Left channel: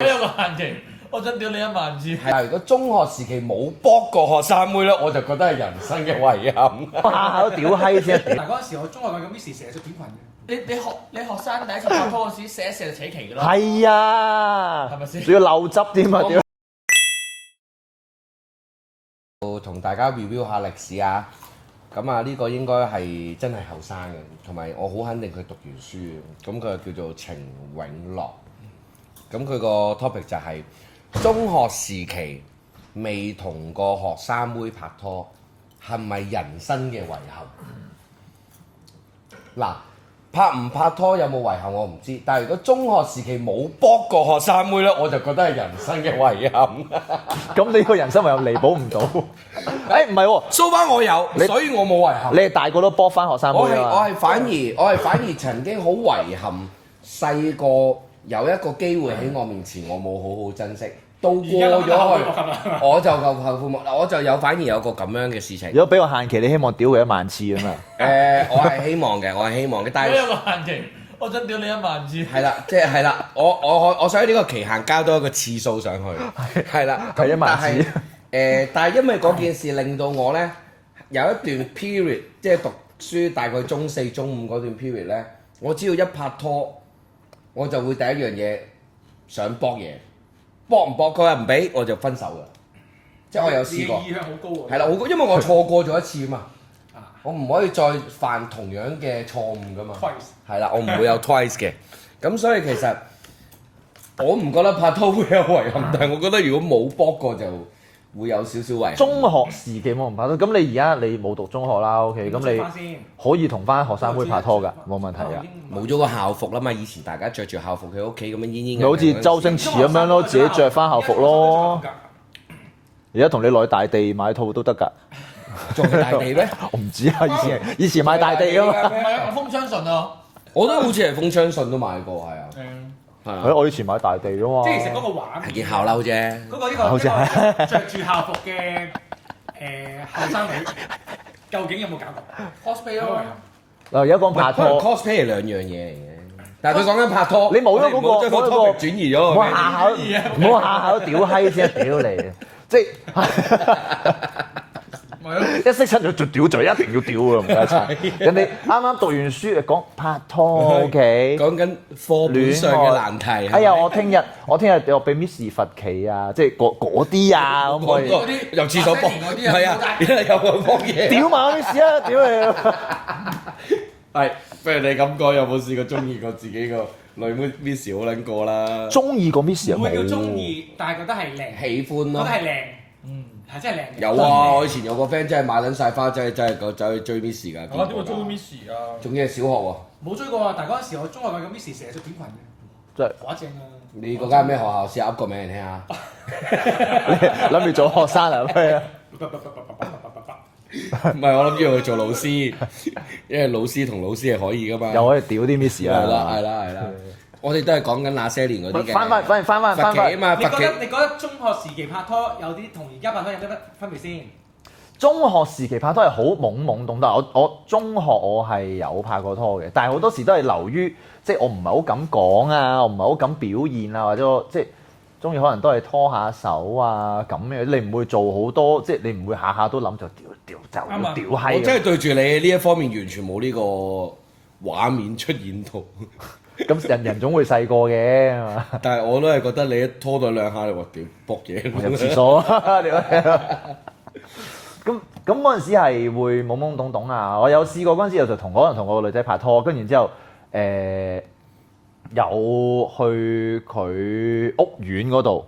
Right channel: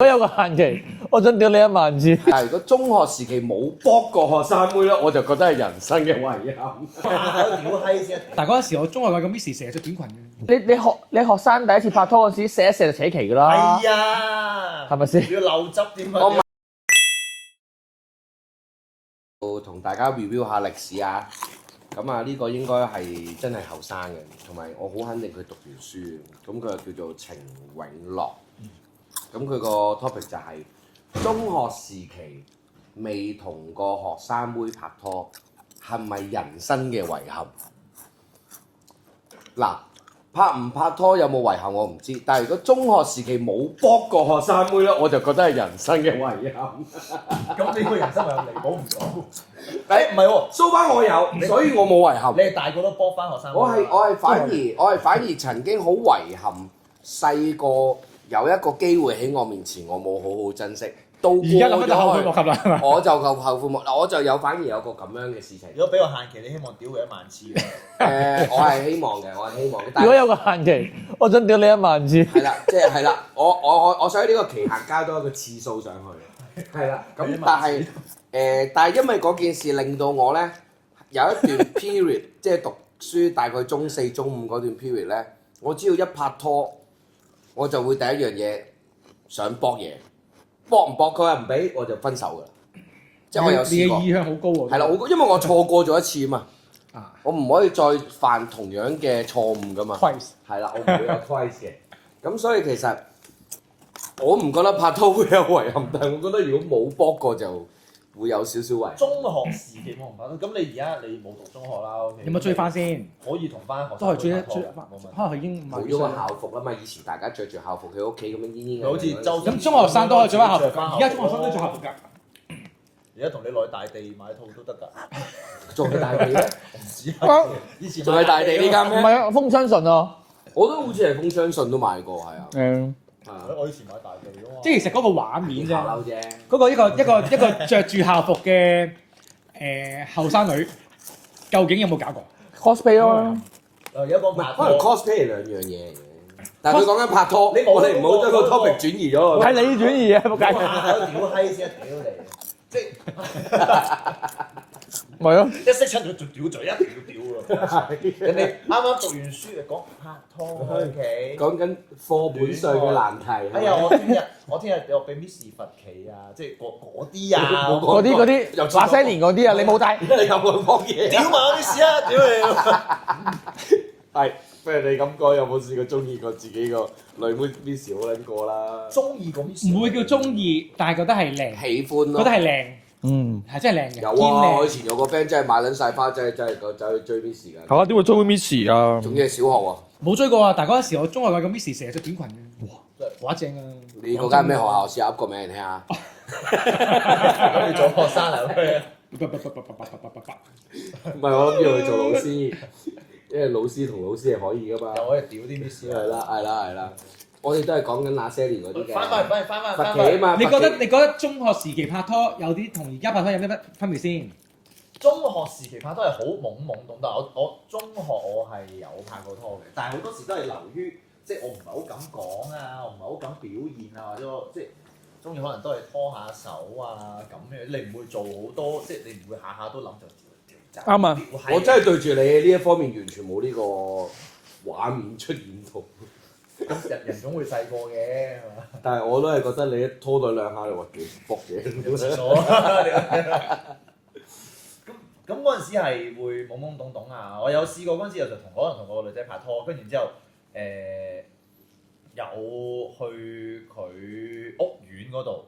我有個限期，我想屌你1萬次。係如果中學時期冇卜過學生妹咧，我就覺得係人生嘅遺憾。下下都屌閪先。但嗰陣時我中學個 Miss 成日着短裙嘅。你學生第一次拍拖嗰時射一射就扯旗㗎啦。係啊，係咪先？仲要漏汁添啊！屌同大家 review 下歷史啊！咁啊，呢個應該係真係後生嘅，同埋我好肯定佢讀完書嘅。咁佢叫做程永樂。咁佢個 topic 就係中學時期未同個學生妹拍拖，係咪人生嘅遺憾？嗱，拍唔拍拖有冇遺憾我唔知，但係如果中學時期冇卜過學生妹咧，我就覺得係人生嘅遺憾。咁你個人生咪又彌補唔到？誒唔係喎， so far 我有，所以我冇遺憾。你係大個都搏翻學生妹我係啦。我係反而曾經好遺憾，細個有一個機會喺我面前，我冇好好珍惜，到過而家諗翻後悔莫及咗啦係嘛去，我就夠後悔莫。嗱，我就有反而有個咁樣嘅事情。如果俾個限期，你希望屌佢1萬次啊嘛？我係希望嘅，我係希望嘅，但係如果有個限期，我想屌你1萬次。係啦，即係啦，我想喺呢個期限交多一個次數上去，係啦。係1萬次。但係因為嗰件事令到我咧有一段 period，即係讀書大概中4、中5嗰段 period 咧，我只要一拍拖，我就會第一樣嘢想搏嘢，搏唔搏佢又唔俾，我就分手㗎。即係我有試過。你嘅意向好高喎。係啦，因為我錯過咗一次啊嘛啊，我唔可以再犯同樣嘅錯誤㗎嘛。 Twice 係啦，我唔會有 twice 嘅。咁所以其實我唔覺得拍拖會有遺憾，但係我覺得如果冇搏過就會有少少遺憾。中學時期冇人拍拖，咁你而家你冇讀中學啦，OK？有冇追翻先？可以同翻學生妹拍拖㗎，冇問題㗎。冇咗個校服啦嘛，以前大家着住校服喺屋企咁樣煙煙。咪好似周星馳咁樣咯，自己着翻校服咯。而家同你落去大地買套都得㗎。仲係大地咩？我唔知啊，以前買大地呢間咩？唔係啊，風昌順啊。我都好似係風昌順都買過，係啊。係啊。係我以前買大地啊嘛。即係其實嗰個畫面件校褸啫。嗰個一個着住校服嘅後生女，究竟有冇搞過 cosplay 咯。嗱，而家講拍可能拖， cosplay 係兩樣嘢嚟嘅，但係佢講緊拍拖，你冇我哋唔好將個嗰個 topic 轉移咗唔係喎。你轉移啊！唔好下下都屌閪先，屌你！即係咪咯。一識親就屌嘴，一定要屌啊！唔該晒。人哋啱啱讀完書講拍拖，OK？講緊課本上嘅難題。哎呀，我聽日我俾 Miss 罰企啊！即係嗰啲啊，嗰啲由廁所八西年嗰啲啊，你冇帶。有冇幫嘢？屌埋我 Miss 啦！屌你！係，不如你咁講，有冇試過中意過自己個女妹 Miss 好撚過啦？中意個 Miss 唔會叫中意，但係覺得係靚，喜歡咯。覺得係靚，嗯。係真係靚。有啊！我以前有個 friend 真係買撚晒花，真係走去追 Miss 㗎。係啊，點會追 Miss 啊？仲要係小學喎。冇追過啊！但係嗰陣時我中學個 Miss 成日着短裙嘅，真係哇正啊！你嗰間咩學校？試下噏個名嚟聽下。諗住做學生啊咩啊？唔係，我諗住去做老師，因為老師同老師係可以㗎嘛。又可以屌啲 Miss 係啦，啊！係啦，係啦。我哋都係講緊那些年嗰啲嘅。翻罰企啊嘛，你覺罰企得你覺得中學時期拍拖有啲同而家拍拖有咩分別先？中學時期拍拖係好懵懵懂懂，我中學我係有拍過拖嘅，但係好多時都係流於即係我唔係好敢講啊，我唔係好敢表現啊，或者我即係中意可能都係拖下手啊咁嘅，你唔會做好多，即係你唔會下下都諗就屌就啱啊屌我閪。真係對住你呢一方面完全冇呢個畫面出現到，咁人總會細個嘅係嘛？但係我都係覺得你一拖到兩下，我屌卜嘢入廁所。咁嗰陣時係會懵懵懂懂啊！我有試過嗰陣時，就可能同個女仔拍拖，跟住之後有去佢屋苑嗰度，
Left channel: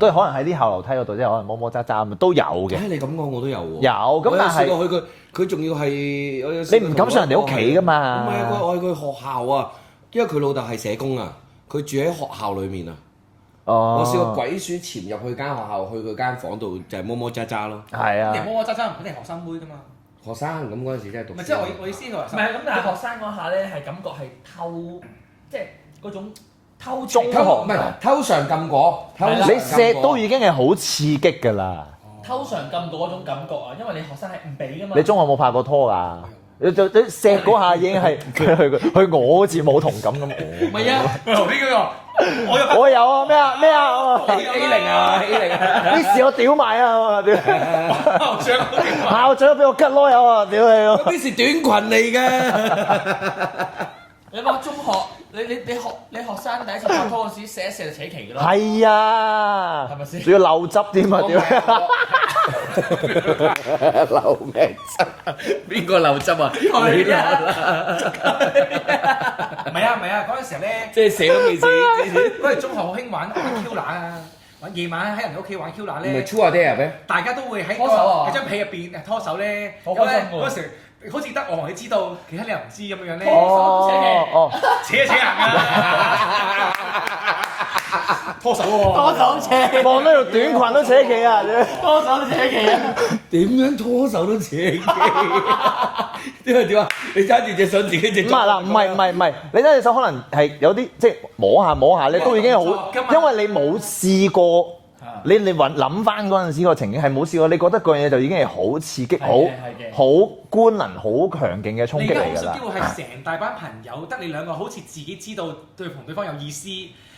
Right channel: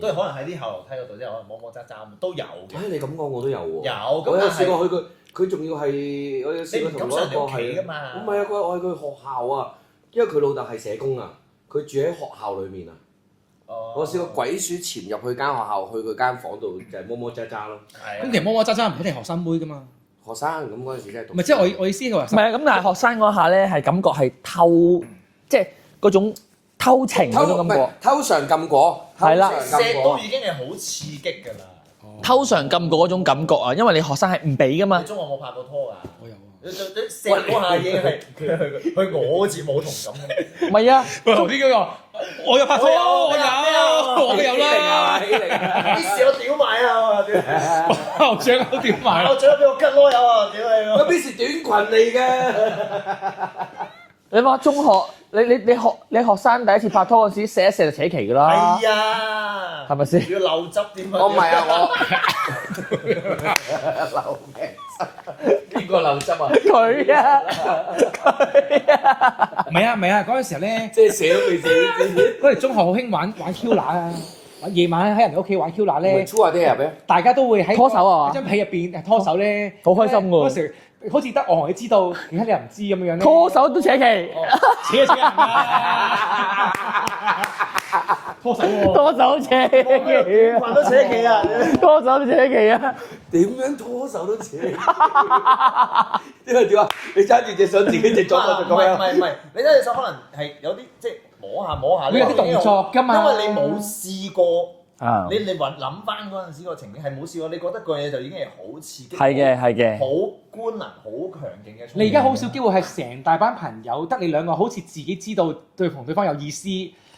都係可能喺啲後樓梯嗰度，即係可能摸摸揸揸咁都有嘅。你咁講我都有喎。有咁我有但係試過去佢仲要係我有試過你唔敢上人哋屋企㗎嘛唔係啊，我去佢學校啊，因為佢老豆係社工啊，佢住喺學校裏面啊。哦，我試過鬼鼠潛入去間學校，去佢間房度就係摸摸揸揸咯。係啊咁其實摸摸揸揸唔一定係學生妹㗎嘛。學生咁嗰陣時真係讀書。唔係即係我意思係話唔係啊，咁但係學生嗰下咧係感覺係偷，即係嗰種偷情嗰種唔係感覺。偷嘗禁果，係啦你錫都已經係好刺激㗎啦！偷嘗禁果嗰種感覺啊，因為你學生係唔俾噶嘛。你中學冇拍過拖㗎？你錫嗰下已經係佢我好似冇同感咁。唔係啊，做呢個我有我有咩啊咩啊我有啦，欺凌啊！啲事我屌埋啊！屌，校長我點話？校長俾我吉囉柚啊！屌你咁呢是短裙嚟嘅。你話中學，你學生第一次拍拖嗰時射一射就扯旗㗎啦。係啊，係咪先仲要漏汁添啊！我唔係啊，我漏咩汁？邊個漏汁啊？佢啊，唔係啊，嗰陣時候咧，即係死都未死。嗰陣中學好興玩 Q 乸啊，夜晚喺人哋屋企玩 Q 乸咪咧，粗下啲入咩？大家都會喺拖手啊喺張被入邊拖手咧，好開心㗎嗰時好似得我同你知道，其他你又唔知咁樣樣咧，拖手都扯旗，扯人啊！拖手喎，多手扯，望呢條短裙都扯旗啊！多手都扯旗啊！點樣拖手都扯旗？點啊？你揸住隻手自己隻唔係嗱，唔係，你揸隻手可能係有啲即係摸下呢個已經好動作㗎嘛因為你冇試過。啊你諗翻嗰陣時個情景係冇試過，你覺得嗰樣嘢就已經係好刺激，係嘅好官能、好強勁嘅衝擊嚟㗎啦。你而家好少機會係成大班朋友得你兩個，好似自己知道同對方有意思，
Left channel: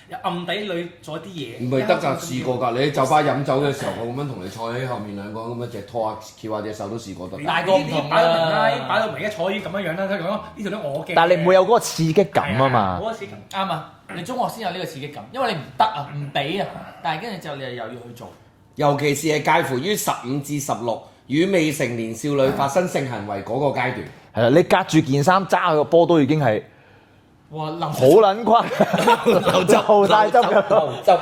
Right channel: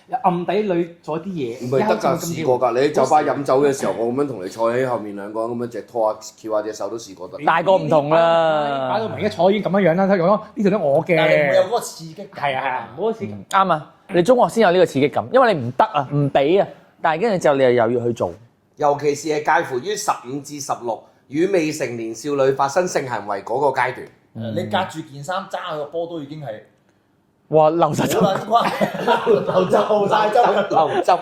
又暗底裏做一啲嘢。唔係得㗎，試過㗎。你喺酒吧飲酒嘅時候，我咁樣同你坐喺後面兩個咁樣隻拖下翹下隻手都試過得。大個唔同啦，擺到明一坐已經咁樣樣啦，睇講呢條都我嘅。但係你唔會有嗰個刺激感啊嘛。嗰個刺激啱啊！你中學先有呢個刺激感，因為你唔得啊，唔俾啊，但係跟住之後你又要去做。尤其是係介乎於15至16與未成年少女發生性行為嗰個階段。係啦，你隔住件衫揸個波都已經係哇，流好撚瓜，流汁好大汁，流汁。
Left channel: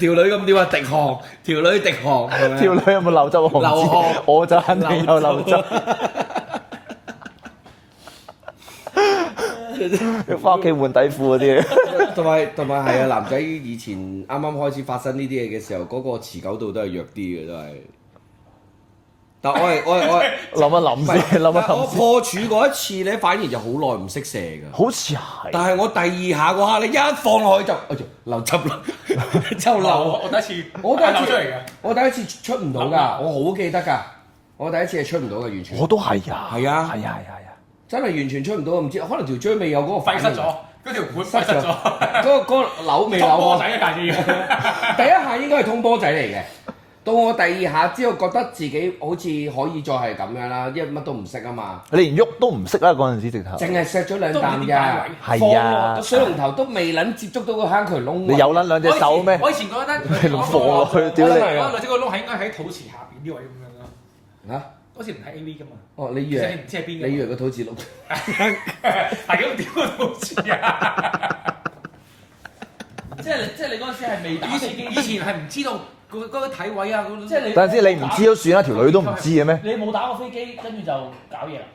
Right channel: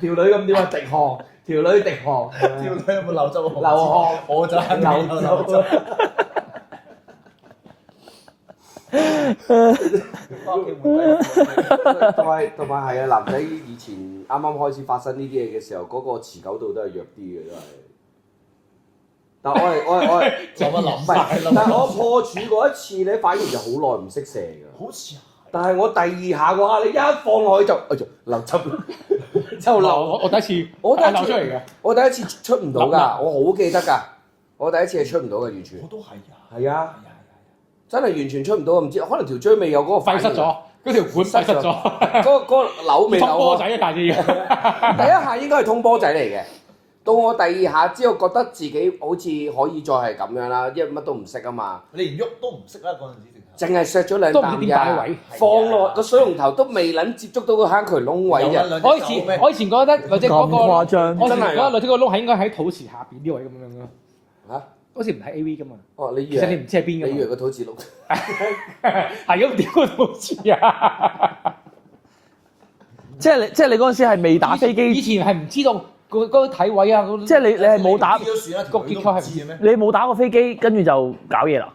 條女咁點啊？滴汗，條女滴汗，條女有冇流汁？我唔知流汗我就係未有流汁。要翻屋企換底褲嗰啲。同埋係啊！男仔以前啱啱開始發生呢啲嘢嘅時候，嗰個持久度都係弱啲嘅，真係。但我係諗一諗先，諗一諗我破處嗰一次咧，反而就好耐唔識射㗎。好似係。但係我第二下嗰下，你一放落去就流汁啦，就流。我第一次，我第一次流出嚟嘅。我第一次出唔到㗎，我好記得㗎。我第一次係出唔到嘅，完全。我都係啊。係啊係啊。真係完全出唔到，唔知可能條椎未有嗰個廢失咗，嗰條管廢失咗，嗰個扭未扭通波啊！仔嘅大隻嘢。第一下應該係通波仔嚟嘅，到我第二下之後覺得自己好似可以再係咁樣啦，因為乜都唔識啊嘛，你連喐都唔識啦嗰陣時直頭。淨係錫咗兩都唔啖知點擺位係啊放落個水龍頭都未撚接觸到個坑渠窿位你有撚兩隻手咩？我以前覺得女仔嗰個，咁誇張我覺得女仔個窿係應該喺肚臍下邊啲位咁樣咯。嚇！好似唔係 A.V. 噶嘛？哦，你以其實你為唔知係邊你以為嘅嘛？個肚臍窿？係咁點個肚臍啊？即係你嗰陣時係未打飛機，以前係唔知道嗰個體位啊，即係你等陣先，你唔冇打知都算啦，條女都唔知嘅咩？你冇打過飛機，跟住就搞嘢啦。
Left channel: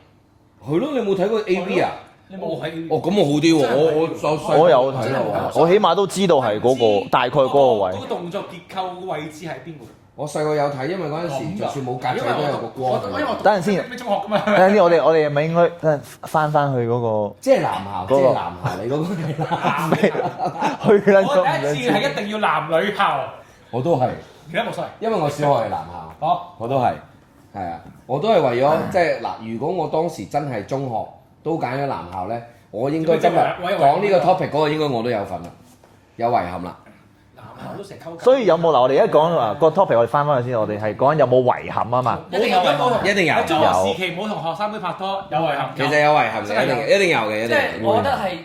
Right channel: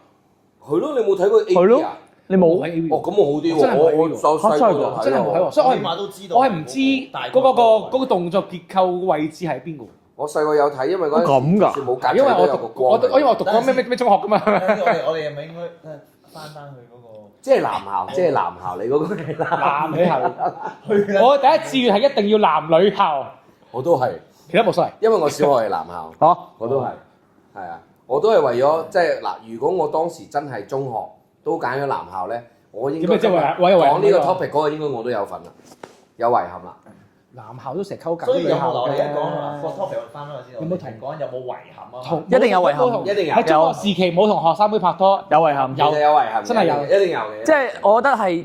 係咯，你冇睇過 A.V. 啊？你冇喺 A.V. 哦，咁我好啲喎，我細我有真係冇睇過我起碼都知道係嗰個大概嗰個位。嗰個動作結構位置係邊個？我細個有睇，因為嗰陣咁㗎時就算冇隔因為仔都有個光。因為我讀過咩中學噶嘛。等陣先，我哋係咪應該等陣翻去嗰個？即係男校，即係男校，你嗰個係男男校，去啦我第一志願係一定要男女校，我都係，其他冇所謂。因為我小學係男校，好，我都係，係啊，我都係為咗即係嗱，如果我當時真係中學都揀咗男校咧，我應該今日講呢個 topic 嗰個應該我都有份啦，有遺憾啦。男校都成日溝緊。所以有冇嗱？我哋而家講話個 topic，我哋翻去先。我哋係講有冇遺憾啊嘛。一定有遺憾，一定有，喺中學時期冇同學生妹拍拖，有遺憾其實有遺憾嘅，真係有一定有嘅。即係我覺得係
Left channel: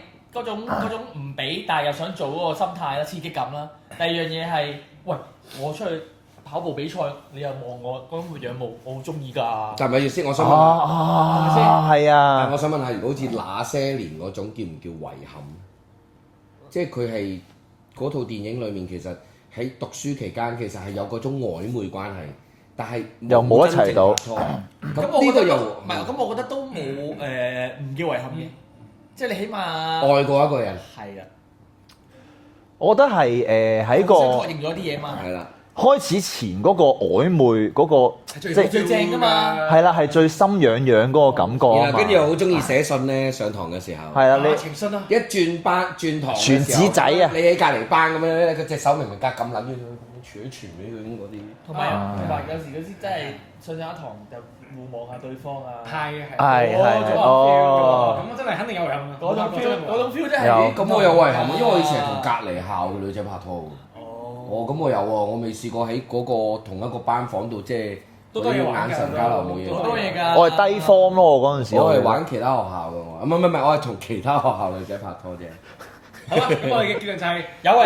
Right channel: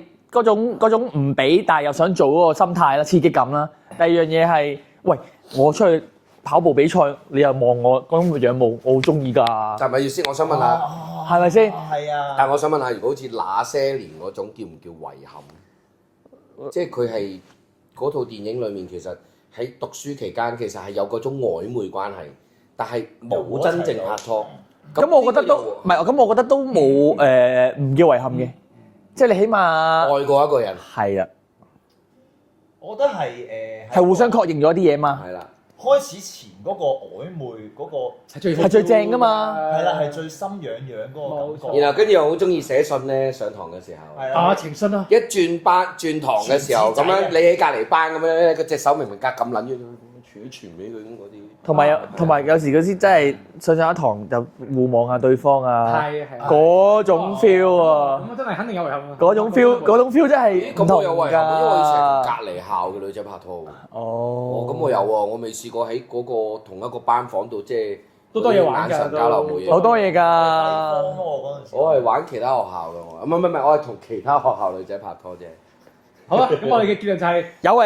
嗰種唔俾，但係又想做嗰個心態啦，刺激感啦。第二樣嘢係，喂，我出去跑步比賽，你又望我嗰種仰慕，我好中意㗎。但係咪要先？我想問下，係咪先係啊。但係我想問下，如果好似那些年嗰種叫唔叫遺憾？即係佢係嗰套電影裡面其實。喺讀書期間其實係有嗰種曖昧關係，但係又冇一齊真正到拍拖。咁我覺得又唔係，咁我覺得都冇唔叫遺憾嘅，即係你起碼愛過一個人。係啊，我覺得係喺係互相確認咗啲嘢嘛。係啦，開始前嗰個曖昧嗰個係最正㗎嘛係啦，係最心癢癢嗰個感覺啊嘛。然後跟住又好中意寫信咧，上堂嘅時候。係啦，啊你情信啊！一轉堂嘅時候，傳紙仔啊咁樣你喺隔離班咁樣咧，佢隻手明明隔咁撚遠，傳俾佢咁嗰啲。同埋有時嗰啲真係上一堂就互望下對方啊，係嗰種 feel 啊，咁真係肯定有遺憾啊！嗰種 feel 真係咁我有遺憾，因為我以前係同隔離校嘅女仔拍拖㗎。哦，咁我有喎，我未試過喺嗰個同一個班房度，即係都多嘢玩㗎眼神交流冇嘢。好多嘢㗎。我係低 form 咯，我嗰陣時。我係玩其他學校嘅，唔係，我係同其他學校女仔拍拖啫。好啦，咁我哋嘅結論就係有啊。